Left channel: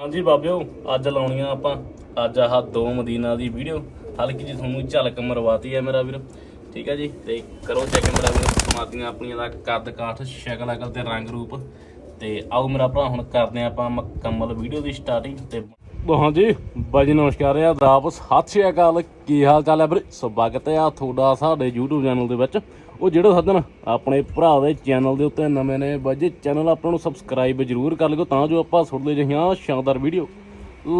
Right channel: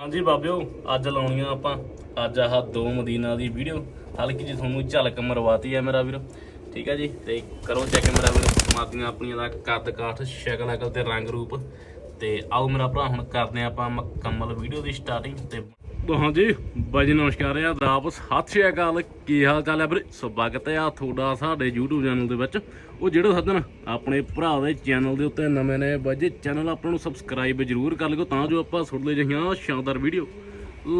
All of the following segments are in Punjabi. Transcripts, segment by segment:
ਹਾਂਜੀ ਬਾਬਿਓ, ਅੱਜ ਲਾਉਣੀਆਂ ਆਪਾਂ। ਅੱਜ ਆਹ ਦੋ ਮਦੀਨਾ ਦੀ ਵੀਡੀਓ। ਹਲਕੀ ਜੀ ਤੁਹਾਨੂੰ ਝਲਕ ਮਰਵਾਤੀ ਹੈ ਮੇਰਾ ਵੀਰ। ਠੀਕ ਹੈ ਜੀ, ਤੇ ਕਰੋ ਚੈੱਕ ਮੇਰਾ ਵੀਰ। ਮਾਦੀਆਂ ਆਪਣੀਆਂ ਦਾ ਕੱਦ ਕਾਠ, ਸ਼ਕਲ ਅਕਲ ਤੇ ਰੰਗ ਰੂਪ। ਤੇ ਆਓ ਮੇਰਾ ਭਰਾ, ਹੁਣ ਕਰਦੇ ਹਾਂ ਆਪਾਂ ਮੁਕੰਮਲ ਵੀਡੀਓ ਦੀ ਸਟਾਰਟਿੰਗ ਤੇ ਹਾਂਜੀ ਬਾਜੀ ਨਮਸਕਾਰ ਆ ਆਦਾਬ ਸਤਿ ਸ਼੍ਰੀ ਅਕਾਲ। ਕੀ ਹਾਲ ਚਾਲ ਹੈ ਵੀਰੇ? ਸਵਾਗਤ ਆ ਤੁਹਾਡਾ ਸਾਡੇ YouTube ਚੈਨਲ ਦੇ ਵਿੱਚ। ਉਹ ਜਿਹੜੇ ਸੱਦਣ ਆਪਣੇ ਭਰਾ ਦੇ ਚੈਨਲ ਦੇ ਉੱਤੇ ਨਵੇਂ ਨੇ ਬਾਜੀ ਚੈਨਲ ਆਪਾਂ ਨੂੰ ਸਬਸਕ੍ਰਾਈਬ ਜ਼ਰੂਰ ਕਰ ਲਿਓ ਤਾਂ ਜੋ ਆਪਾਂ ਸੁਣਦੇ ਜਿਹੀਆਂ ਸ਼ਾਨਦਾਰ ਵੀਡੀਓ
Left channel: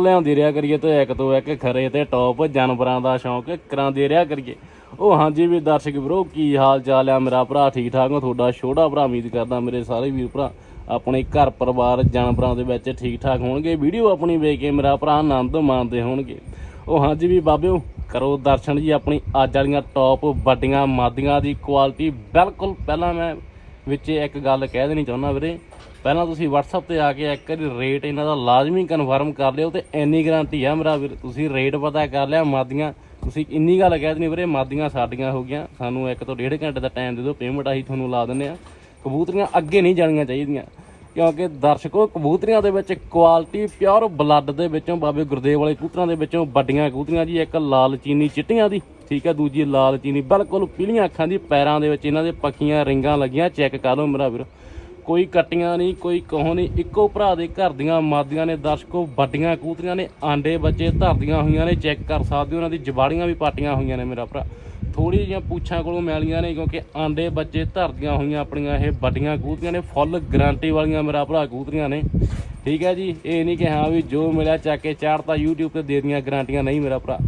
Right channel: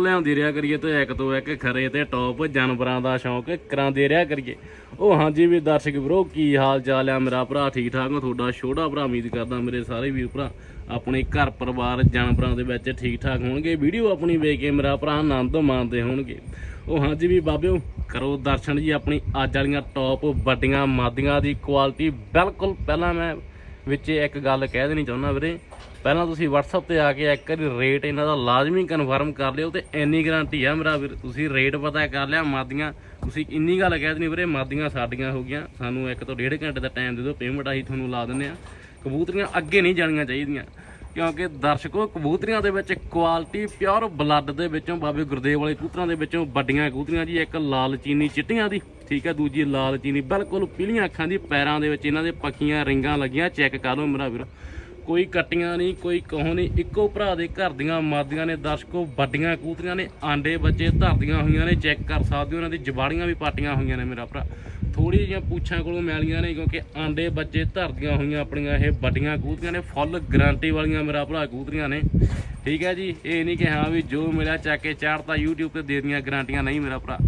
ਲਿਆਉਂਦੇ ਰਿਹਾ ਕਰੀਏ ਤੇ ਇੱਕ ਤੋਂ ਇੱਕ ਖਰੇ ਤੇ ਟੌਪ ਜਾਨਵਰਾਂ ਦਾ ਸ਼ੌਂਕ ਕਰਾਉਂਦੇ ਰਿਹਾ ਕਰੀਏ। ਉਹ ਹਾਂਜੀ ਵੀ ਦਰਸ਼ਕ ਵੀਰੋ, ਕੀ ਹਾਲ ਚਾਲ ਆ ਮੇਰਾ ਭਰਾ ਠੀਕ ਠਾਕ ਹੋ ਤੁਹਾਡਾ ਛੋਟਾ ਭਰਾ ਉਮੀਦ ਕਰਦਾ ਮੇਰੇ ਸਾਰੇ ਵੀਰ ਭਰਾ ਆਪਣੇ ਘਰ ਪਰਿਵਾਰ, ਜਾਨਵਰਾਂ ਦੇ ਵਿੱਚ ਠੀਕ ਠਾਕ ਹੋਣਗੇ। ਵੀਡੀਓ ਆਪਣੀ ਵੇਖ ਕੇ ਮੇਰਾ ਭਰਾ ਆਨੰਦ ਮਾਣਦੇ ਹੋਣਗੇ। ਉਹ ਹਾਂਜੀ ਵੀ ਬਾਬਿਓ, ਕਰੋ ਦਰਸ਼ਨ ਜੀ ਆਪਣੀ। ਅੱਜ ਵਾਲੀਆਂ ਟੌਪ ਵੱਡੀਆਂ ਮਾਦੀਆਂ ਦੀ ਕੁਆਲਿਟੀ ਬਿਲਕੁਲ ਪਹਿਲਾਂ ਮੈਂ ਵਿੱਚ ਇੱਕ ਗੱਲ ਕਹਿ ਦੇਣੀ ਚਾਹੁੰਦਾ ਵੀਰੇ। ਪਹਿਲਾਂ ਤੁਸੀਂ WhatsApp ਤੇ ਆ ਕੇ ਇੱਕ ਵਾਰੀ ਰੇਟ ਇਹਨਾਂ ਦਾ ਲਾਜ਼ਮੀ ਕਨਫਰਮ ਕਰ ਲਿਓ ਤੇ ਇੰਨੀ ਗਾਰੰਟੀ ਆ ਮੇਰਾ ਵੀਰ, ਤੁਸੀਂ ਰੇਟ ਪਤਾ ਕਰ ਲਿਆ ਮਾਦੀਆਂ। ਤੁਸੀਂ ਇੰਨੀ ਗੱਲ ਕਹਿ ਦੇਣੀ ਵੀਰੇ, ਮਾਦੀਆਂ ਸਾਡੀਆਂ ਹੋ ਗਈਆਂ। ਸਾਨੂੰ ਇੱਕ ਤੋਂ ਡੇਢ ਘੰਟੇ ਦਾ ਟਾਈਮ ਦੇ ਦਿਓ ਪੇਮੈਂਟ ਅਸੀਂ ਤੁਹਾਨੂੰ ਲਾ ਦਿੰਦੇ ਆ ਕਬੂਤਰੀਆਂ ਅੱਗੇ ਨਹੀਂ ਜਾਣੀਆਂ ਚਾਹੀਦੀਆਂ। ਕਿਉਂਕਿ ਦਰਸ਼ਕੋ, ਕਬੂਤਰੀਆਂ ਦੇ ਵਿੱਚ ਕੁਆਲਿਟੀ ਪਿਓਰ ਬਲੱਡ ਦੇ ਵਿੱਚੋਂ ਬਾਬੇ ਗੁਰਦੇਵ ਵਾਲੇ ਕਬੂਤਰਾਂ ਦੇ ਵਿੱਚੋਂ ਵੱਡੀਆਂ ਕਬੂਤਰੀਆਂ ਜੀ, ਇੱਕ ਲਾਲ ਚੀਨੀ ਚਿੱਟੀਆਂ ਦੀ, ਠੀਕ ਹੈ, ਦੂਜੀ ਲਾਲ ਚੀਨੀ, ਬਿਲਕੁਲ ਪੀਲੀਆਂ ਅੱਖਾਂ ਦੀ, ਪੈਰਾਂ ਦੇ ਵਿੱਚ ਇਹਨਾਂ ਦੇ ਪੱਕੀਆਂ ਰਿੰਗਾਂ ਲੱਗੀਆਂ, ਚੈੱਕ ਕਰ ਲਓ ਮੇਰਾ ਵੀਰ। ਕੋਈ ਕੱਟੀਆਂ ਨਹੀਂ, ਕੋਈ ਕਹੋ ਨਹੀਂ, ਇੱਕੋ ਭਰਾ ਦੇ ਘਰ ਦੀਆਂ ਮਾਦੀਆਂ ਨੇ, ਦਰਸ਼ਕੋ ਵੱਡੀਆਂ ਕਬੂਤਰੀਆਂ ਨੇ, ਆਂਡੇ ਬੱਚੇ ਧਰਦੀਆਂ ਹੋਈਆਂ ਨੇ, ਚੈੱਕ ਕਰ ਸਕਦੇ ਹੋ, ਉਹਨਾਂ ਦੀ ਜਵਾੜੀਆਂ ਵੀ ਪਾਟੀਆਂ ਹੋਈਆਂ ਨੇ ਮੇਰਾ ਭਰਾ। ਥੋੜੀ ਜਿਹੀਆਂ ਪੂਛਾਂ ਕੋਲੋਂ ਮੈਲੀਆਂ ਨੇ, ਕਿਉਂਕਿ ਆਂਡੇ ਬੱਚੇ ਧਰਦੀਆਂ ਹੋਈਆਂ ਆਪਣੀਆਂ, ਇਹ ਵੱਡੀਆਂ ਕਬੂਤਰੀਆਂ ਨੇ, ਫੁੱਲ ਗਾਰੰਟੀ ਵਾਲੀਆਂ ਮੇਰਾ ਭਰਾ ਕਬੂਤਰੀਆਂ ਨੇ। ਠੀਕ ਹੈ ਜੀ, ਇਹ ਨਹੀਂ ਕਿ ਹਾਂ ਵੀ ਜੋ ਮਿਲਿਆ ਚੱਕ ਕੇ ਚਾੜਤਾ YouTube ਤੇ ਦੇ ਦੀਆਂ ਗਾਰੰਟੀਆਂ, ਨਹੀਂ ਮੇਰਾ ਭਰਾ।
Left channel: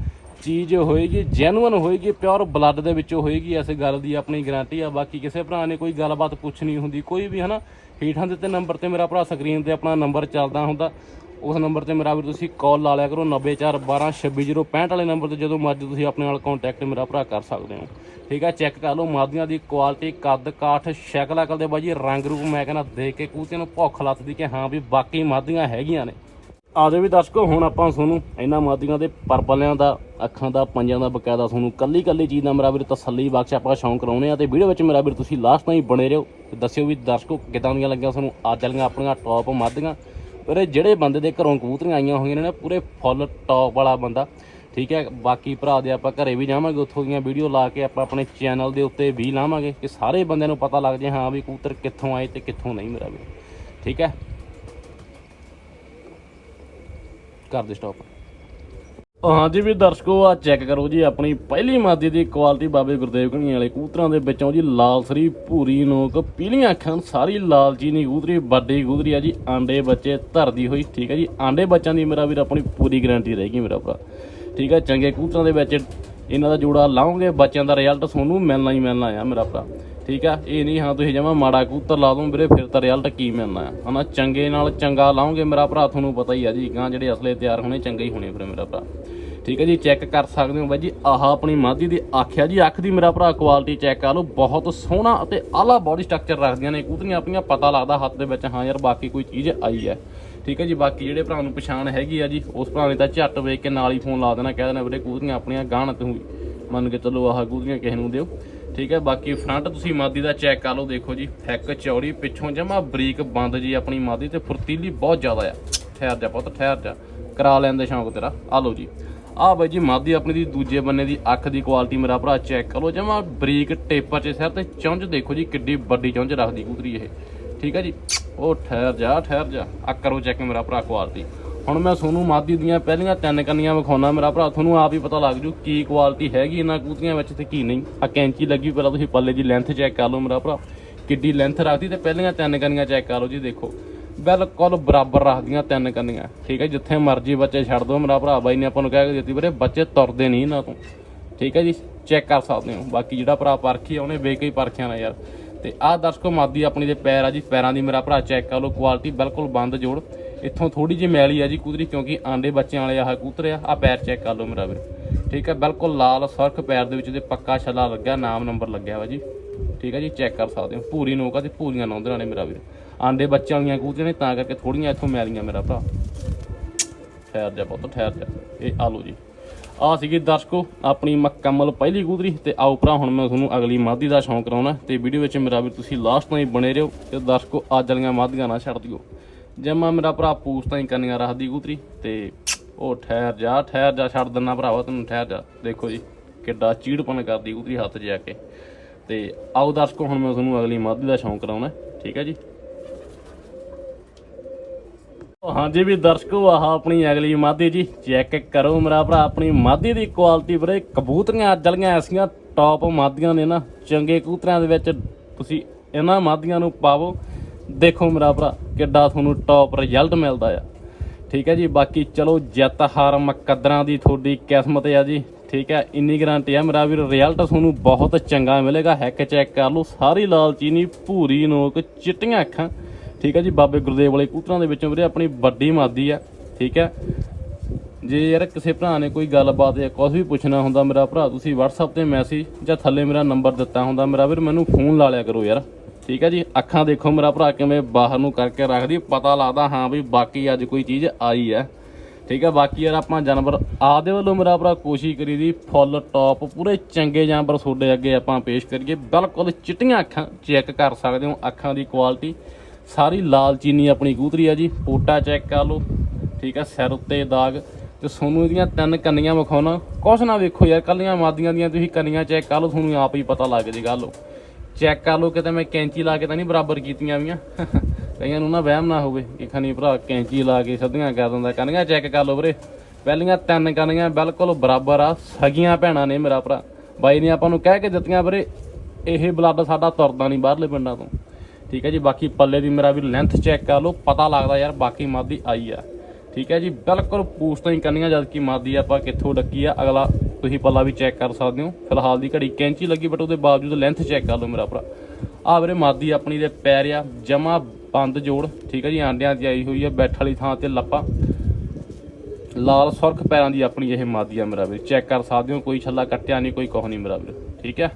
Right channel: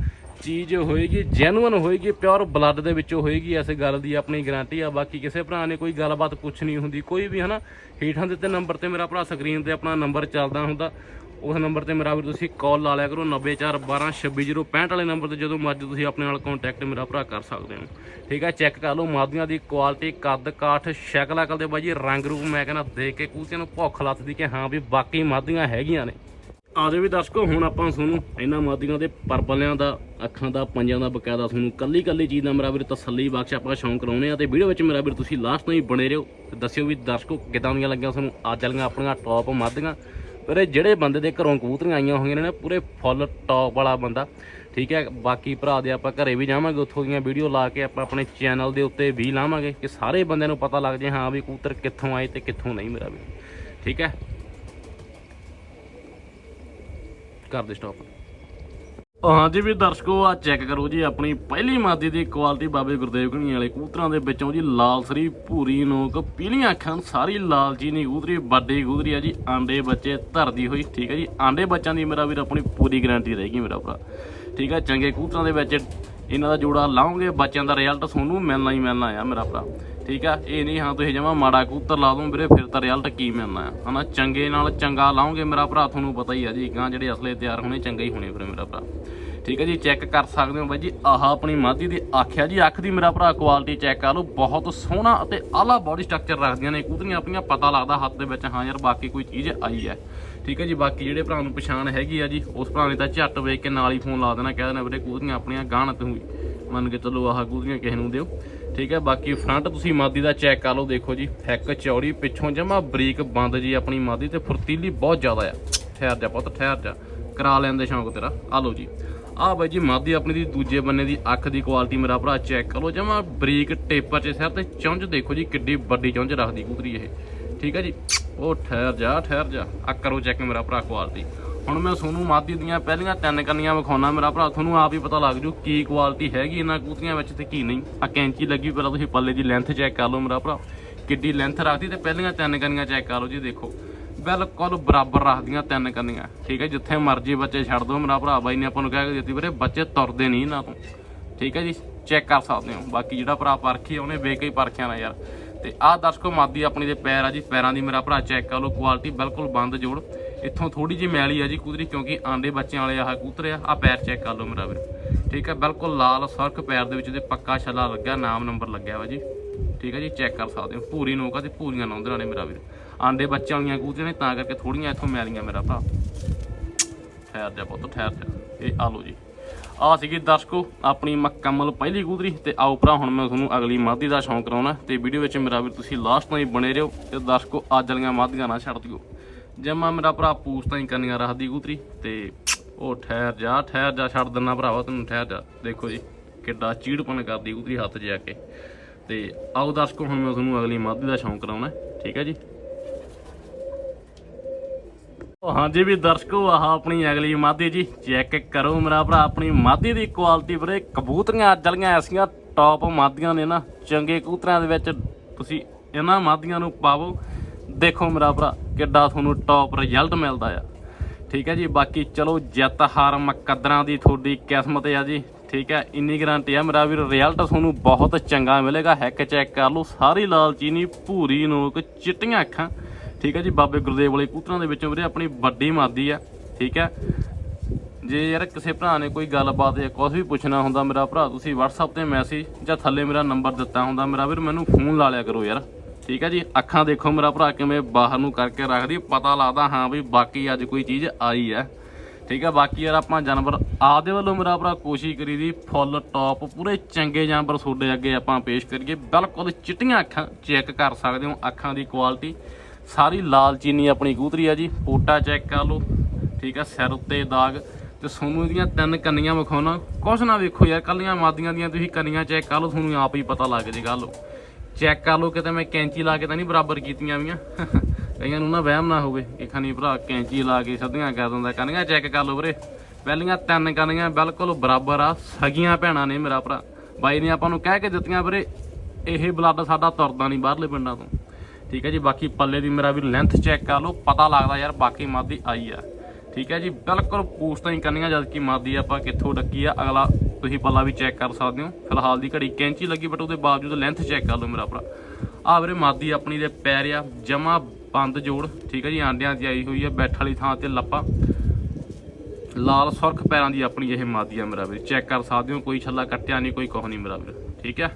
ਚੀਜ਼ ਹੋਏਗੀ ਜੈਨੂਅਨ ਹੋਏਗੀ ਪਿਓਰ ਬਲੱਡ ਦੇ ਵਿੱਚੋਂ ਹੋਏਗੀ ਇਸ ਗੱਲ ਦੀ ਆਪਣੀ ਗਾਰੰਟੀ ਆ। ਬਾਕੀ ਕਿਸੇ ਭਰਾ ਨੇ ਕੋਈ ਗੱਲਬਾਤ ਪੁੱਛਣੀ ਹੁੰਦੀ, ਕੋਈ ਵੀ ਹਨਾ, ਹੇਠਾਂ ਦਿੱਤੇ ਨੰਬਰ ਤੇ ਮੇਰਾ ਭਰਾ ਸਕਰੀਨ ਤੇ ਆਪਣਾ ਨੰਬਰ ਚੱਲਦਾ ਹੁੰਦਾ। ਉਸ ਨੰਬਰ ਤੇ ਮੇਰਾ ਵੀਰ ਤੁਸੀਂ ਕਾਲ ਲਾ ਲਿਆ ਕਰੋ 9412266065 ਵਾਲੇ ਨੰਬਰ ਤੇ ਜਦੋਂ ਮਰਜ਼ੀ ਤੁਸੀਂ ਆਪਣੇ ਨਾਲ ਕੰਟੈਕਟ ਮੇਰਾ ਭਰਾ ਕਰ ਸਕਦੇ ਹੋ। ਠੀਕ ਹੈ ਚੈੱਕ ਕਰ ਲਓ ਮਾਦੀਆਂ ਦੀ ਕੁਆਲਿਟੀ ਕੱਦ ਕਾਠ, ਸ਼ਕਲ ਅਕਲ ਦੇ ਬਾਜੀ, ਰੰਗ ਰੂਪ ਮੈਂ ਕਹਿੰਦਾ ਦੇਖ ਕੇ ਕੂਤਿਆਂ ਨੂੰ ਭੁੱਖ ਲੱਥਦੀ ਕਿ ਹਾਂ ਵੀ ਬਾਕੀ ਮਾਦੀਆਂ ਹੈਗੀਆਂ ਨੇ। ਆਜੋ ਵੀ ਦਰਸ਼ਕੋ, ਹੁਣ ਆਪਾਂ ਤੁਹਾਨੂੰ ਇਹਨਾਂ ਮਾਦੀਆਂ ਦੇ ਪਰਪਲਿਆਂ ਦਾ, ਅੱਖਾਂ ਦਾ, ਪੰਜਾਂ ਦਾ ਬਕਾਇਦਾ ਤੁਹਾਨੂੰ ਕੱਲੀ ਕੱਲੀ ਚੀਜ਼ ਦਾ ਮੇਰਾ ਵੀਰ ਤਸੱਲੀ ਬਖਸ਼ ਆਪਾਂ ਸ਼ੌਂਕ ਕਰਾਉਣੇ ਆ ਤੇ ਵੀਡੀਓ ਵਿੱਚ ਮੇਰਾ ਵੀਰ ਤੁਸੀਂ ਲਾਸਟ ਤਾਈਂ ਬਣੇ ਰਹੋ ਤੇ ਦੱਸਿਓ ਵੀ ਦਰਸ਼ਕੋ ਕਿਦਾਂ ਦੀਆਂ ਲੱਗੀਆਂ ਤੁਹਾਨੂੰ। ਅੱਜ ਵਾਲੀਆਂ ਆਪਣੀਆਂ ਟੌਪ ਮਾਦੀਆਂ। ਪਰ ਇਹ ਜਿਹੜੇ ਬੰਦੇ ਦੇ ਘਰੋਂ ਕਬੂਤਰੀਆਂ ਆਈਆਂ ਹੋਈਆਂ ਨੇ ਨਾ, ਪੂਰੇ ਫੁੱਲ ਟੌਪ ਵਾਲਾ ਬੰਦਾ। ਠੀਕ ਹੈ, ਬਾਕੀ ਭਰਾ ਦੇ ਆਪਾਂ ਘਰੇ ਵੀ ਜਾਵਾਂਗੇ, ਉੱਥੋਂ ਦੀਆਂ ਵੀਡੀਓ ਲਾ ਕੇ ਆਪਾਂ ਆਪਣੇ ਚੈਨਲ ਦੇ ਉੱਤੇ ਵੀ ਲਾਵਾਂਗੇ ਕਿ ਸਾਰੇ ਬੰਦਿਆਂ ਨੂੰ ਪਤਾ ਲੱਗ ਜਾਏ, ਹਾਂ ਵੀ ਕਬੂਤਰ ਕਿੱਥੋਂ ਆਏ ਤੇ ਕਿੱਥੋਂ ਨਹੀਂ ਮੇਰਾ ਵੀ ਠੀਕ ਹੈ? ਕਰ ਦੇ ਸਟਾਪ ਹਾਂਜੀ ਵੀ ਦਰਸ਼ਕੋ ਆ ਚੈੱਕ ਕਰੋ ਜੀ, ਆਪਣੀ ਪਹਿਲੀ ਮਾਦੀ ਦੀ ਕੁਆਲਿਟੀ ਬਾਬੇ ਗੁਰਦੇਵ ਘਣੀ ਵਾਲੇ ਕਬੂਤਰਾਂ ਦੇ ਵਿੱਚੋਂ ਜੀ, ਲਾਲ ਸਰੀ, ਭੂਰੀ, ਨੋਕ, ਪੀਲੀਆਂ ਅੱਖਾਂ ਸਾਰੀ ਲਾਲ ਚੀਨੀ ਕਬੂਤਰੀ, ਵੱਡੀ ਕਬੂਤਰੀ ਆ ਜੀ, ਆਂਡੇ ਬੱਚੇ ਧਰਦੀ ਹੋਈ, ਠੀਕ ਹੈ ਜੀ। ਆਂਡੇ ਬੱਚਿਆਂ ਦੀ ਮੇਰਾ ਵੀਰ, ਆਪਣੀ ਪੂਰੀ ਗਾਰੰਟੀ ਰਹੇਗੀ ਮੇਰਾ ਭਰਾ। ਠੀਕ ਹੈ ਚੰਗੇ ਕਬੂਤਰਾਂ ਦੇ ਵਿੱਚ ਇਹਨਾਂ ਦਾ ਜੋੜਾ ਲਾਉਂਗੇ ਬੱਚਿਆਂ ਦਾ ਰਿਜ਼ਲਟ ਤੁਹਾਨੂੰ ਮਿਲਣਾ ਹੀ ਮਿਲਣਾ ਆ ਮੇਰਾ ਭਰਾ। ਠੀਕ ਆ? ਇਹ ਨਹੀਂ, ਹਾਂ, ਤੁਸੀਂ ਜਮਾ ਮਾੜਾ ਕੂਤਰ ਲਾ ਦੋ ਵੀਰੇ, ਫਿਰ ਤਾਂ ਰਿਜ਼ਲਟ ਕੀ ਮਿਲਣਾ? ਆ ਹਨਾ, ਚੰਗੇ ਨਾਲ ਚੰਗਾ ਲਾਉਂਗੇ ਮੇਰਾ ਭਰਾ, ਤੁਹਾਨੂੰ ਪਤਾ ਹੀ ਆ ਜੀ, ਗਾਂ ਜਿਹੜੇ ਅਸਲੇ ਤਿਆਰ ਹੋਣੇ, ਚੰਗੇ ਹੀ ਹੋਣੇ ਫਿਰ ਮੇਰਾ ਭਰਾ। ਠੀਕ ਹੈ ਜੀ ਚੈੱਕ ਕਰ ਸਕਦੇ ਹੋ ਬਾਈ ਜੀ, ਆਹ ਆਪਣੀ ਮਾਦੀ ਦੀ ਆਖਿਆ ਜੀ, ਅੱਖ ਦੀ ਮੇਰਾ ਭਰਾ ਕੁਆਲਿਟੀ ਚੈੱਕ ਕਰ ਲਓ, ਬਹੁਤ ਸੋਹਣਾ ਅਤੇ ਆਲਾ ਬਾਡੀ ਸਟਰਕਚਰ ਰੱਖਦੀਆਂ ਨੇ, ਕਬੂਤਰੀਆਂ ਆਪਣੀਆਂ, ਪਤਾ ਲੱਗਦਾ ਹੱਥ ਦੇ ਵਿੱਚ, ਹਾਂ ਯਾਰ, ਬਾਕੀ ਕੋਈ ਚੀਜ਼ ਆਈ ਹੈ। ਠੀਕ ਹੈ ਜੀ, ਬਾਕੀ ਜਿਹੜੇ ਭਰਾ ਨੂੰ ਪਛਾਣ ਹੈਗੀ ਆ ਜੀ, ਉਸ ਭਰਾ ਨੇ ਤਾਂ ਝੱਟ ਵੇਖ ਕੇ ਨਾਲ ਹੀ ਫੋਨ ਲਾ ਦੇਣਾ, ਕਹਿ ਦੇਣਾ ਵੀਰੇ, ਕਬੂਤਰੀਆਂ ਆਪਣੀਆਂ ਗਾਣ ਤੂੰ ਮੰਨ ਕੇ ਚੱਲੋ ਆਹ ਕਬੂਤਰੀਆਂ ਕਿਸੇ ਨੂੰ ਦਿਓ। ਠੀਕ ਹੈ, ਬਾਕੀ ਫਰੰਟ ਤੁਸੀਂ ਮਾਦੀ ਦਾ ਚੈੱਕ ਕਰ ਲਓ, ਦੇਖੋ ਜੀ, ਹੈਕ ਚੌੜੀ, ਪਿੱਛੋਂ ਜਮਾ ਬਰੀਕ ਬੰਦ ਜੀ ਆਪਣੀ ਮਾਦੀ ਤੇ ਫੁਰਤੀਲੀ ਬਹੁਤ ਜ਼ਿਆਦਾ ਆ। ਠਹਿਰ ਜਾ ਪੁੱਤ, ਠਹਿਰ ਜਾ। ਕਰਾ ਲੈਂਦੇ ਸ਼ੌਂਕ ਤੇਰਾ। ਆ ਲਓ ਜੀ। ਆ ਬਾਈ ਜੀ, ਮਾਦੀ ਆਪਣੀ ਦੀ ਦੂਜੇ ਬੰਨੇ ਦੀ ਅੱਖ ਦੀ ਕੁਆਲਿਟੀ ਮੇਰਾ ਭਰਾ ਚੈੱਕ ਕਰ ਲਓ। ਜਮਾ ਬਰੀਕ ਟੇਪਰ ਚ ਸਿਰ ਤੇ ਚੁੰਝ ਦੇਖੋ ਜੀ, ਕਿੱਡੀ ਵੱਡੀ ਚੁੰਝ ਰੱਖਦੀ ਕੁਤਰੀ ਇਹ। ਠੀਕ ਹੈ ਜੀ। ਉਹ ਠਹਿਰ ਜਾ ਠਹਿਰ ਜਾ। ਆ ਕਰੋ ਚੈੱਕ ਮੇਰਾ ਭਰਾ ਕੁਆਲਿਟੀ ਹੁਣ ਮੈਂ ਤੁਹਾਨੂੰ ਮਾਦੀ ਦੀਆਂ ਪਹਿਲੀਆਂ ਤਿੰਨ ਕੰਨੀਆਂ ਵਿਖਾਉਣਾ, ਮੇਰਾ ਭਰਾ, ਤੁਹਾਨੂੰ ਆਪ ਹੀ ਪਤਾ ਲੱਗ ਜੂ ਕੀ ਕੁਆਲਿਟੀ ਹੈਗੀ ਇਹਨਾਂ ਕਬੂਤਰੀਆਂ ਵਿੱਚ ਤੇ ਕੀ ਨਹੀਂ। ਆ ਕੈਂਚੀ ਲੱਗੀ ਪਹਿਲਾਂ ਤੁਸੀਂ ਪੱਲੇ ਦੀ ਲੈਂਥ ਚੈੱਕ ਕਰ ਲਓ ਮੇਰਾ ਭਰਾ। ਕਿੱਡੀ ਲੈਂਥ ਰੱਖਦੀ ਤੇ ਪਹਿਲੀਆਂ ਤਿੰਨ ਕੰਨੀਆਂ ਚੈੱਕ ਕਰ ਲਓ ਜੀ, ਦੇਖੋ। ਬਿਲਕੁਲ ਬਰਾਬਰ ਰੱਖਦੀਆਂ ਤਿੰਨ ਕੰਨੀਆਂ। ਠੀਕ ਹੈ ਜਿੱਥੇ ਮਰਜ਼ੀ ਬੱਚੇ ਛੱਡ ਦਿਓ ਮੇਰਾ ਭਰਾ, ਬਾਈ ਨੇ ਆਪਾਂ ਨੂੰ ਕਹਿ ਕੇ ਦਿੱਤੀ ਵੀਰੇ, ਬੱਚੇ ਤੁਰਦੇ ਨਹੀਂ ਇਹਨਾਂ ਤੋਂ। ਠੀਕ ਹੈ ਜੀ ਚੈੱਕ ਕਰ ਸਕਦੇ ਹੋ। ਬਾਕੀ ਜਿਹੜਾ ਭਰਾ ਪਰਖੀ ਆ, ਉਹਨੇ ਬੇਕਈ ਪਰਖਿਆ ਨਾ ਯਾਰ। ਤੇ ਆਹ ਦਰਸ਼ਕੋ ਮਾਦੀ ਆਪਣੀ ਦੇ ਪੈਰ ਆ ਜੀ, ਪੈਰਾਂ ਦੀ ਮੇਰਾ ਭਰਾ ਚੈੱਕ ਕਰ ਲਓ ਕੁਆਲਿਟੀ ਬਿਲਕੁਲ ਬੰਦ ਜੋੜ। ਇੱਥੋਂ ਥੋੜੀ ਜਿਹੀ ਮੈਲੀ ਆ ਜੀ ਕੂਦਰੀ ਕਿਉਂਕਿ ਆਂਡੇ ਬੱਚਿਆਂ ਵਾਲੇ ਆਹ ਕੂਤਰ ਆ ਆ ਪੈਰ ਚੈੱਕ ਕਰ ਲਓ ਮੇਰਾ ਵੀਰ। ਠੀਕ ਹੈ ਬਿਲਕੁਲ ਲਾਲ ਸਰਖ ਪੈਰ ਦੇ ਵਿੱਚ ਤੇ ਪੱਕਾ ਛੱਲਾ ਲੱਗਾ ਨਾਮ ਨੰਬਰ ਲੱਗਿਆ ਵਾ ਜੀ। ਠੀਕ ਹੈ ਜੀ ਚੈੱਕ ਕਰ ਸਕਦੇ ਹੋ। ਪੂਰੀ ਨੋਕਾ ਤੇ ਪੂਰੀਆਂ ਨੌਂਦਰਾਂ ਨੇ ਮੇਰਾ ਵੀਰ। ਆਂਡੇ ਬੱਚਿਆਂ ਵਾਲੀਆਂ ਕੂਤਰੀਆਂ ਨੇ, ਤਾਂ ਕਰਕੇ ਥੋੜੀਆਂ ਇੱਥੋਂ ਮੈਲੀਆਂ ਮੇਰਾ ਭਰਾ। ਠਹਿਰ ਜਾ ਪੁੱਤ, ਠਹਿਰ ਜਾ। ਇਹ ਆ ਲਓ ਜੀ। ਆ ਸੀਗੀ ਦਰਸ਼ਕੋ, ਆਪਣੀ ਮੁਕੰਮਲ ਪਹਿਲੀ ਕੂਦਰੀ ਤੇ ਆਓ ਭਰਾ, ਹੁਣ ਮੈਂ ਤੁਹਾਨੂੰ ਅਗਲੀ ਮਾਦੀ ਦਾ ਸ਼ੌਂਕ ਕਰਾਉਣਾ। ਤੇ ਵੀਡੀਓ ਵਿੱਚ ਮੇਰਾ ਵੀ ਤੁਸੀਂ ਲਾਸਟ ਤਾਈਂ ਬਣੇ ਰਹੋ। ਤੇ ਦਰਸ਼ਕੋ, ਅੱਜ ਵਾਲੀਆਂ ਮਾਦੀਆਂ ਨਾ ਛੱਡ ਦਿਓ। ਜਮਾ ਮੇਰਾ ਭਰਾ ਪੂਛ ਤਾਂ ਹੀ ਕੰਨੀਆਂ ਰੱਖਦੀ ਕੂਤਰੀ, ਤੇ ਉਹ ਠਹਿਰ ਜਾ ਠਹਿਰ ਜਾ, ਛੱਡ ਦਿੰਨਾ ਭਰਾਵਾ, ਤੈਨੂੰ ਠਹਿਰ ਜਾ। ਦੇਖੋ ਜੀ, ਕਿੱਡਾ ਚੀੜਪਨ ਕਰਦੀ ਕਬੂਤਰੀ ਹੱਥ ਜਾ ਕੇ। ਤੇ ਆਓ ਦਰਸ਼ਕੋ, ਹੁਣ ਮੈਂ ਤੁਹਾਨੂੰ ਅਗਲੀ ਮਾਦੀ ਦਾ ਸ਼ੌਂਕ ਕਰਾਉਣਾ, ਠੀਕ ਹੈ ਜੀ? ਹਾਂਜੀ ਵੀ ਦਰਸ਼ਕੋ, ਆਹ ਆਪਣੀ ਅਗਲੀ ਮਾਦੀ ਜੀ, ਚੈੱਕ ਕਰੋ ਮੇਰਾ ਭਰਾ, ਆਪਣੀ ਮਾਦੀ ਦੀ ਕੁਆਲਿਟੀ ਵੀਰੇ, ਕਬੂਤਰੀਆਂ ਅੱਜ ਵਾਲੀਆਂ ਐਸੀਆਂ ਟੌਪ ਮਾਦੀਆਂ ਨੇ ਨਾ, ਚੰਗੇ ਕਬੂਤਰਾਂ ਦੇ ਵਿੱਚ ਤੁਸੀਂ ਇਹਨਾਂ ਮਾਦੀਆਂ ਨੂੰ ਪਾਵੋ। ਦੇਖੋ ਮੇਰਾ ਭਰਾ, ਕਿੱਡਾ ਤੁਹਾਨੂੰ ਟੌਪ ਰਿਜ਼ਲਟ ਮਿਲਦਾ ਆ। ਠੀਕ ਹੈ ਜੀ, ਬਾਕੀ ਚਲੋ ਜਿੱਤ ਹਾਰ ਮੁਕੱਦਰਾਂ ਦੀ ਤੁਹਾਡੀ ਕਿਸਮਤ ਆ ਜੀ। ਠੀਕ ਹੈ, ਇੰਨੀ ਗਰੰਟੀ ਆ ਮੇਰਾ ਵੀਰ ਰਿਜ਼ਲਟ ਤੁਹਾਨੂੰ ਬਹੁਤ ਚੰਗਾ ਮਿਲੇਗਾ। ਹੈਕ ਚੈੱਕ ਕਰ ਲਓ, ਸਾਰੀ ਲਾਲ ਚੀਨੀ, ਭੂਰੀ ਨੋਕ, ਚਿੱਟੀਆਂ ਅੱਖਾਂ। ਠੀਕ ਹੈ ਜੀ, ਬਾਬੇ ਗੁਰਦੇਵ ਵਾਲੇ ਕੂਤਰਾਂ ਦੇ ਵਿੱਚੋਂ ਵੀਰੇ ਆਪਣੀ ਵੱਡੀ ਮਾਦੀ ਆ। ਠੀਕ ਹੈ, ਜੇ ਯਾਰ ਕਿਸੇ ਭਰਾ ਨੇ ਕੋਈ ਗੱਲਬਾਤ ਜਾਂ ਕੁਝ ਵੀ ਪੁੱਛਣਾ ਹੁੰਦਾ ਮੇਰਾ ਭਰਾ, ਤੁਸੀਂ WhatsApp ਤੇ ਮੈਸੇਜ ਜਾਂ ਥੱਲੇ ਮੇਰਾ ਨੰਬਰ ਦਿੱਤਾ ਹੁੰਦਾ। ਮੇਰਾ ਵੀਰ, ਮੈਨੂੰ ਫੋਨ ਲਾ ਲਿਆ ਕਰੋ ਯਾਰ। ਠੀਕ ਹੈ ਜੀ। ਅੱਖਾਂ ਦੇਖੋ ਮੇਰਾ ਭਰਾ ਕਿਵੇਂ ਬਾਹਰ ਨੂੰ ਕਰਕੇ ਰੱਖਦੀ। ਪਤਾ ਲੱਗਦਾ ਹਾਂ ਵੀ ਬਾਕੀ ਅੱਜ ਕੋਈ ਚੀਜ਼ ਆਈ ਹੈ। ਠੀਕ ਹੈ ਬਾਕੀ ਯਾਰ ਆਪਾਂ ਜਾਨਵਰ ਆਪਦੇ ਵੱਲੋਂ ਮੇਰਾ ਭਰਾ ਕੋਸ਼ਿਸ਼ ਕਰੀ ਦੀ, ਫੁੱਲ ਟੌਪ ਪੂਰੇ ਚੰਗੇ ਜਾਨਵਰ ਤੁਹਾਡੇ ਅੱਗੇ ਆਪਾਂ ਪੇਸ਼ ਕਰੀਏ। ਬਿਲਕੁਲ ਚਿੱਟੀਆਂ ਅੱਖਾਂ ਚੈੱਕ ਕਰ ਸਕਦੇ ਹੋ, ਅੱਖਾਂ ਦੀ ਕੁਆਲਿਟੀ ਸਾਰੀ ਲਾਲ ਚੀਨੀ ਆਪਣੀ ਕੂਤਰੀ ਆ ਜੀ ਪੋਟਾ ਚੈੱਕ ਕਰ ਲਓ। ਠੀਕ ਆ, ਸਿਰ ਉੱਤੇ ਦਾਗ। ਤੇ ਸੋਨੂੰ ਇਹਦੀਆਂ ਤਿੰਨ ਕੰਨੀਆਂ ਵਿਖਾਉਣਾ। ਕੁਛ ਨਾ ਵੇਖੋ ਯਾਰ, ਕੱਲੀਆਂ ਮਾਦੀਆਂ ਦੀਆਂ ਤੁਸੀਂ ਕੰਨੀਆਂ ਚੈੱਕ ਕਰ ਲਓ, ਤੁਹਾਨੂੰ ਆਪ ਹੀ ਪਤਾ ਲੱਗ ਜੇ ਗੱਲ। ਚੈੱਕ ਕਰ ਲਓ ਕਿਤੇ ਮੈਂ ਕੈਂਚੀ ਲਾ ਕੇ ਤਾਂ ਨਹੀਂ ਬਰਾਬਰ ਕੀਤੀਆਂ ਵੀਆਂ। ਕਈਆਂ ਨੂੰ ਨਾ ਵਹਿਮ ਨਾ ਹੋਵੇ। ਕਿ ਖਣੀ ਭਰਾ ਕੈਂਚੀ ਲਾ ਕੇ ਸਿੱਧੀਆਂ ਕਰ ਦਿੰਦਾ। ਕੰਨੀਆਂ ਚੈੱਕ ਕਰ ਲਓ ਵੀਰੇ। ਪਹਿਲੀਆਂ ਤਿੰਨ ਕੰਨੀਆਂ ਬਿਲਕੁਲ ਬਰਾਬਰ ਆ। ਸਗੀਆਂ ਭੈਣਾਂ ਨੇ ਮੇਰਾ ਭਰਾ। ਬਾਈ ਨੇ ਆਪਾਂ ਨੂੰ ਕਹਿ ਕੇ ਦਿੱਤੀਆਂ ਵੀਰੇ। ਇਹ ਬਲੱਡ ਸਾਡਾ ਤੁਰਦਾ ਨਹੀਂ ਬਾਹਰਲੇ ਪਿੰਡਾਂ ਤੋਂ। ਠੀਕ ਹੈ ਜੀ, ਬਾਕੀ ਪੱਲੇ ਦੀ ਮੇਰਾ ਵੀ ਲੈਂਥ ਚੈੱਕ ਕਰ ਲਓ। ਪਤਾ ਲੱਗਦਾ ਯਾਰ ਬਾਕੀ ਮਾਦੀ ਆਈ ਆ। ਠੀਕ ਹੈ ਜੀ, ਬਿਲਕੁਲ ਪੂਛ ਤਾਂ ਹੀ ਕਰਨੀਆਂ ਜਦ ਕਿ ਮਾਦੀ ਆਪਾਂ ਕਿੱਥੋਂ ਡੱਕੀ ਆ। ਅਗਲਾ ਤੁਸੀਂ ਪੱਲਾ ਵੀ ਚੈੱਕ ਕਰ ਸਕਦੇ ਹੋ। ਫਿਲਹਾਲ ਦੀ ਘੜੀ ਕੈਂਚੀ ਲੱਗੀ ਬਟ ਉਹਦੇ ਬਾਵਜੂਦ ਲੈਂਥ ਚੈੱਕ ਕਰ ਲਓ ਮੇਰਾ ਭਰਾ। ਆ ਵੀਰੇ ਮਾਦੀ ਆਪਣੀ ਦੇ ਪੈਰ ਆ, ਜਮਾ ਬੰਦ ਜੋੜ, ਠੀਕ ਹੈ ਜੀ, ਆਂਡਿਆਂ ਦੀ ਆਈ ਹੋਈ ਆ, ਬੈਠ ਵਾਲੀ ਥਾਂ ਤੇ ਲੱਪਾ। ਲਾਲ ਸੁਰਖ ਪੈਰਾਂ ਦੀ ਆਪਣੀ ਇਹ ਮਾਦੀ ਆ ਮੇਰਾ ਵੀਰ ਚੈੱਕ ਕਰ ਸਕਦੇ ਹੋ, ਕੋਈ ਛੱਲਾ ਕੱਟਿਆ ਨਹੀਂ, ਕੋਈ ਕੁਛ ਨਹੀਂ ਮੇਰਾ ਵੀਰ, ਠੀਕ ਹੈ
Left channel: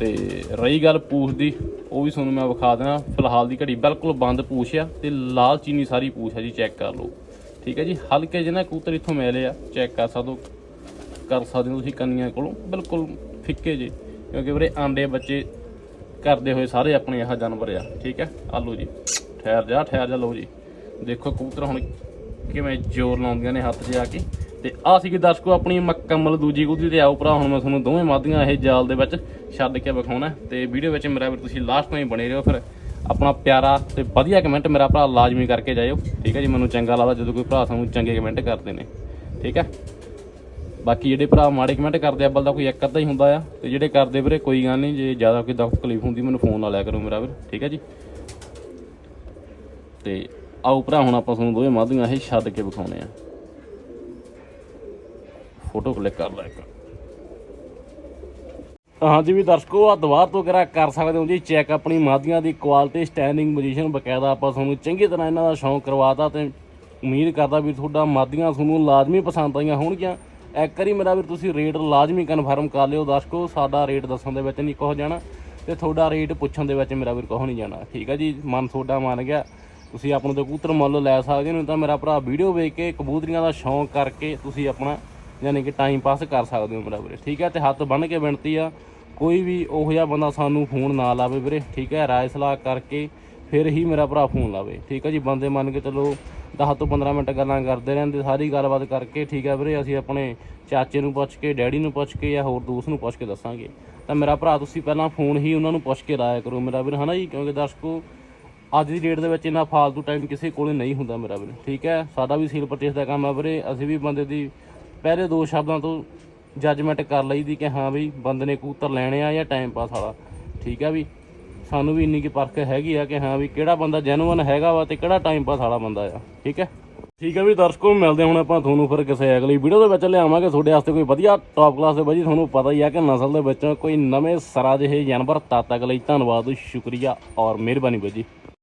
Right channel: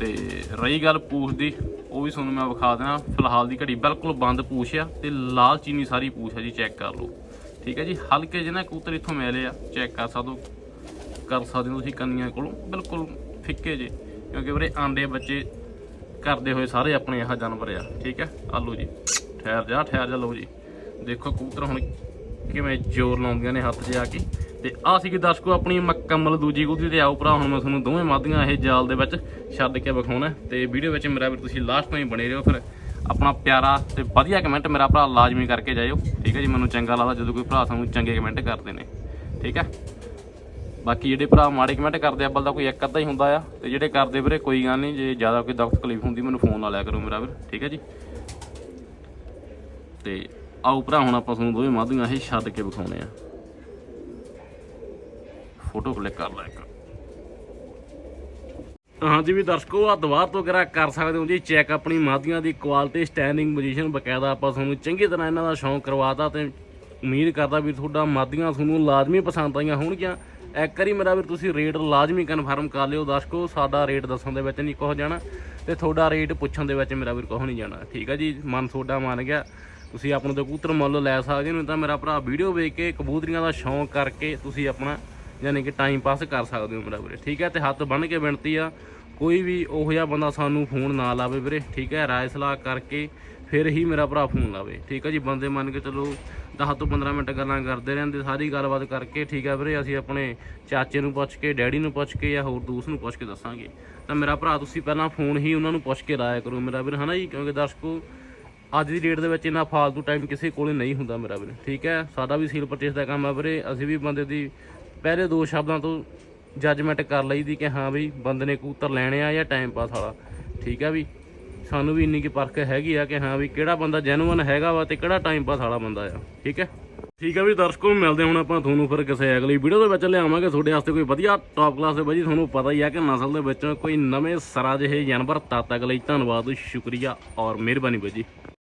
ਤੇ ਰਹੀ ਗੱਲ ਪੂਛ ਦੀ, ਉਹ ਵੀ ਤੁਹਾਨੂੰ ਮੈਂ ਵਿਖਾ ਦੇਣਾ। ਫਿਲਹਾਲ ਦੀ ਘੜੀ ਬਿਲਕੁਲ ਬੰਦ ਪੂਛ ਆ, ਤੇ ਲਾਲ ਚੀਨੀ ਸਾਰੀ ਪੂਛ ਆ ਜੀ ਚੈੱਕ ਕਰ ਲਓ। ਠੀਕ ਹੈ ਜੀ, ਹਲਕੇ ਜਿਹੇ ਨਾ ਕੂਤਰ ਇੱਥੋਂ ਮਿਲੇ ਆ ਚੈੱਕ ਕਰ ਸਕਦੇ ਹੋ, ਕਰ ਸਕਦੇ ਹੋ ਤੁਸੀਂ ਕੰਨੀਆਂ ਕੋਲੋਂ, ਬਿਲਕੁਲ ਫਿੱਕੇ ਜੇ, ਕਿਉਂਕਿ ਵੀਰੇ ਆਂਡੇ ਬੱਚੇ ਕਰਦੇ ਹੋਏ ਸਾਰੇ ਆਪਣੇ ਆਹ ਜਾਨਵਰ ਆ, ਠੀਕ ਹੈ, ਆਲੂ ਜੀ, ਠਹਿਰ ਜਾ ਠਹਿਰ ਜਾ, ਲਓ ਜੀ, ਦੇਖੋ ਕਬੂਤਰ ਹੁਣ ਕਿਵੇਂ ਜ਼ੋਰ ਲਾਉਂਦੀਆਂ ਨੇ ਹੱਥ 'ਚ ਆ ਕੇ, ਤੇ ਆ ਸੀਗੀ ਦਰਸ਼ਕੋ ਆਪਣੀ ਮੁਕੰਮਲ ਦੂਜੀ ਕਬੂਤਰੀ, ਤੇ ਆਓ ਭਰਾ, ਹੁਣ ਮੈਂ ਤੁਹਾਨੂੰ ਦੋਵੇਂ ਮਾਦੀਆਂ ਇਹ ਜਾਲ ਦੇ ਵਿੱਚ ਛੱਡ ਕੇ ਵਿਖਾਉਣਾ, ਤੇ ਵੀਡੀਓ ਵਿੱਚ ਮੇਰਾ ਵੀ ਤੁਸੀਂ ਲਾਸਟ ਤਾਈਂ ਬਣੇ ਰਹੋ, ਫਿਰ ਆਪਣਾ ਪਿਆਰਾ ਤੇ ਵਧੀਆ ਕਮੈਂਟ ਮੇਰਾ ਭਰਾ ਲਾਜ਼ਮੀ ਕਰਕੇ ਜਾਇਓ, ਠੀਕ ਹੈ ਜੀ? ਮੈਨੂੰ ਚੰਗਾ ਲੱਗਦਾ ਜਦੋਂ ਕੋਈ ਭਰਾ ਸਾਨੂੰ ਚੰਗੇ ਕਮੈਂਟ ਕਰਦੇ ਨੇ, ਠੀਕ ਹੈ? ਬਾਕੀ ਜਿਹੜੇ ਭਰਾ ਮਾੜੇ ਕਮੈਂਟ ਕਰਦੇ ਆ ਬਲਦਾ ਕੋਈ ਇੱਕ ਅੱਧਾ ਹੀ ਹੁੰਦਾ ਆ, ਤੇ ਜਿਹੜੇ ਕਰਦੇ ਵੀਰੇ ਕੋਈ ਗੱਲ ਨਹੀਂ, ਜੇ ਜ਼ਿਆਦਾ ਕੋਈ ਦੁੱਖ ਤਕਲੀਫ ਹੁੰਦੀ, ਮੈਨੂੰ ਫੋਨ ਲਾ ਲਿਆ ਕਰੋ ਮੇਰਾ ਵੀਰ, ਠੀਕ ਹੈ ਜੀ? ਤੇ ਆਓ ਭਰਾ, ਹੁਣ ਆਪਾਂ ਤੁਹਾਨੂੰ ਦੋਵੇਂ ਮਾਧੀਆਂ ਇਹ ਛੱਡ ਕੇ ਵਿਖਾਉਣੇ ਆ ਫੋਟੋ ਕਲਿੱਕ ਕਰ ਲੈ ਇੱਕ। ਹਾਂਜੀ ਵੀ ਦਰਸ਼ਕੋ ਆ ਦੁਬਾਰ ਤੋਂ ਕਰਾ ਕਰ ਸਕਦੇ ਹੋ ਜੀ ਚੈੱਕ ਆਪਣੀ ਮਾਧੀਆਂ ਦੀ ਕੁਆਲਿਟੀ ਸਟੈਂਡਿੰਗ ਪੋਜੀਸ਼ਨ ਬਕਾਇਦਾ ਆਪਾਂ ਤੁਹਾਨੂੰ ਚੰਗੀ ਤਰ੍ਹਾਂ ਇਹਨਾਂ ਦਾ ਸ਼ੌਂਕ ਕਰਵਾਤਾ ਤੇ ਉਮੀਦ ਕਰਦਾ ਵੀ ਤੁਹਾਡਾ ਮਾਧੀਆਂ ਤੁਹਾਨੂੰ ਲਾਜ਼ਮੀ ਪਸੰਦ ਆਈਆਂ ਹੋਣਗੀਆਂ। ਇੱਕ ਵਾਰੀ ਮੇਰਾ ਵੀ ਤੁਸੀਂ ਰੇਟ ਲਾਜ਼ਮੀ ਕਨਫਰਮ ਕਰ ਲਿਓ ਦਰਸ਼ਕੋ, ਸਾਡਾ ਰੇਟ ਦੱਸਣ ਦੇ ਵਿੱਚ ਨਹੀਂ ਕੁਝ ਜਾਣਾ ਤੇ ਤੁਹਾਡਾ ਰੇਟ ਪੁੱਛਣ ਦੇ ਵਿੱਚ ਮੇਰਾ ਵੀਰ ਕੁਝ ਨਹੀਂ ਜਾਣਾ। ਠੀਕ ਹੈ ਜੀ, ਮਨ ਤੁਹਾਡਾ ਮੰਨ ਗਿਆ। ਤੁਸੀਂ ਆਪਣੇ ਤੋਂ ਕਬੂਤਰ ਮੁੱਲ ਲੈ ਸਕਦੇ ਹੋ, ਨਹੀਂ ਤਾਂ ਮੇਰਾ ਭਰਾ ਵੀਡੀਓ ਵੇਖ ਕੇ ਕਬੂਤਰੀਆਂ ਦਾ ਸ਼ੌਂਕ ਕਰਕੇ ਤੁਸੀਂ ਆਪਣਾ ਯਾਨੀ ਕਿ ਟਾਈਮ ਪਾਸ ਕਰ ਸਕਦੇ ਹੋ ਮੇਰਾ ਵੀਰੇ। ਠੀਕ ਹੈ, ਤੇ ਹੱਥ ਬੰਨ ਕੇ ਬੇਨਤੀ ਆ, ਕੋਈ ਵੀ ਉਹ ਜਿਹਾ ਬੰਦਾ ਸਾਨੂੰ ਫੋਨ ਨਾ ਲਾਵੇ ਵੀਰੇ। ਠੀਕ ਹੈ, ਰਾਏ ਸਲਾਹ ਕਰਕੇ ਫਿਰ ਹੀ ਮੇਰਾ ਭਰਾ ਫੋਨ ਲਾਵੇ। ਠੀਕ ਹੈ ਜੀ, ਬੰਦੇ ਮੰਨ ਕੇ ਚਲੋ 10 ਤੋਂ 15 ਮਿੰਟ ਗੱਲਾਂ ਕਰਦੇ ਰਹਿੰਦੇ, ਸਾਰੀ ਗੱਲਬਾਤ ਕਰਕੇ, ਠੀਕ ਹੈ ਵੀਰੇ, ਅਸੀਂ ਆਪਣੇ ਚਾਚੇ ਨੂੰ ਪੁੱਛ ਕੇ, ਡੈਡੀ ਨੂੰ ਪੁੱਛ ਕੇ ਜਾਂ ਹੋਰ ਦੋਸਤ ਨੂੰ ਪੁੱਛ ਕੇ ਦੱਸਾਂਗੇ। ਤਾਂ ਮੇਰਾ ਭਰਾ ਤੁਸੀਂ ਪਹਿਲਾਂ ਫੋਨ ਹੀ ਉਹਨਾਂ ਨੂੰ ਪੁੱਛ ਕੇ ਲਾਇਆ ਕਰੋ ਮੇਰਾ ਵੀਰ, ਹਨਾ ਜੀ? ਕਿਉਂਕਿ ਦਰਸ਼ਕੋ, ਅੱਜ ਦੀ ਡੇਟ ਦੇ ਵਿੱਚ ਇੰਨਾ ਫਾਲਤੂ ਟਾਈਮ ਕਿਸੇ ਕੋਲੇ ਨਹੀਂ ਹੁੰਦਾ ਮੇਰਾ ਵੀਰ। ਠੀਕ ਹੈ, ਸਾਡਾ ਵੀ ਸੀਲ ਪਰਚੇਸ ਦਾ ਕੰਮ ਆ ਵੀਰੇ। ਅਸੀਂ ਵੀ ਬੰਦੇ ਦੀ ਪਹਿਲੇ ਦੋ ਸ਼ਬਦਾਂ ਤੋਂ ਜੱਜਮੈਂਟ ਕਰ ਲਈਦੀ ਕਿ ਹਾਂ ਵੀ ਬੰਦੇ ਨੇ ਕਬੂਤਰ ਲੈਣੇ ਆ ਜਾਂ ਟਾਈਮ ਪਾਸ ਵਾਲਾ। ਠੀਕ ਆ ਵੀ ਸਾਨੂੰ ਵੀ ਇੰਨੀ ਕੀ ਪਰਖ ਹੈਗੀ ਆ ਕਿ ਹਾਂ ਵੀ ਕਿਹੜਾ ਬੰਦਾ ਜੈਨੂਅਨ ਹੈਗਾ ਵਾ ਤੇ ਕਿਹੜਾ ਟਾਈਮ ਪਾਸ ਵਾਲਾ ਬੰਦਾ ਆ। ਠੀਕ ਹੈ ਠੀਕ ਹੈ ਵੀ ਦਰਸ਼ਕੋ, ਮਿਲਦੇ ਹੁਣ ਆਪਾਂ ਤੁਹਾਨੂੰ ਫਿਰ ਕਿਸੇ ਅਗਲੀ ਵੀਡੀਓ ਦੇ ਵਿੱਚ ਲਿਆਵਾਂਗੇ। ਤੁਹਾਡੇ ਵਾਸਤੇ ਕੋਈ ਵਧੀਆ ਟੌਪ ਕਲਾਸ ਦੇ ਬਾਜੀ ਤੁਹਾਨੂੰ ਪਤਾ ਹੀ ਆ ਕਿ ਨਸਲ ਦੇ ਵਿੱਚ ਕੋਈ ਨਵੇਂ ਸਰਾ ਜਿਹੇ ਜਾਨਵਰ ਤਦ ਤੱਕ ਲਈ ਧੰਨਵਾਦ, ਸ਼ੁਕਰੀਆ ਔਰ ਮਿਹਰਬਾਨੀ ਬਾਜੀ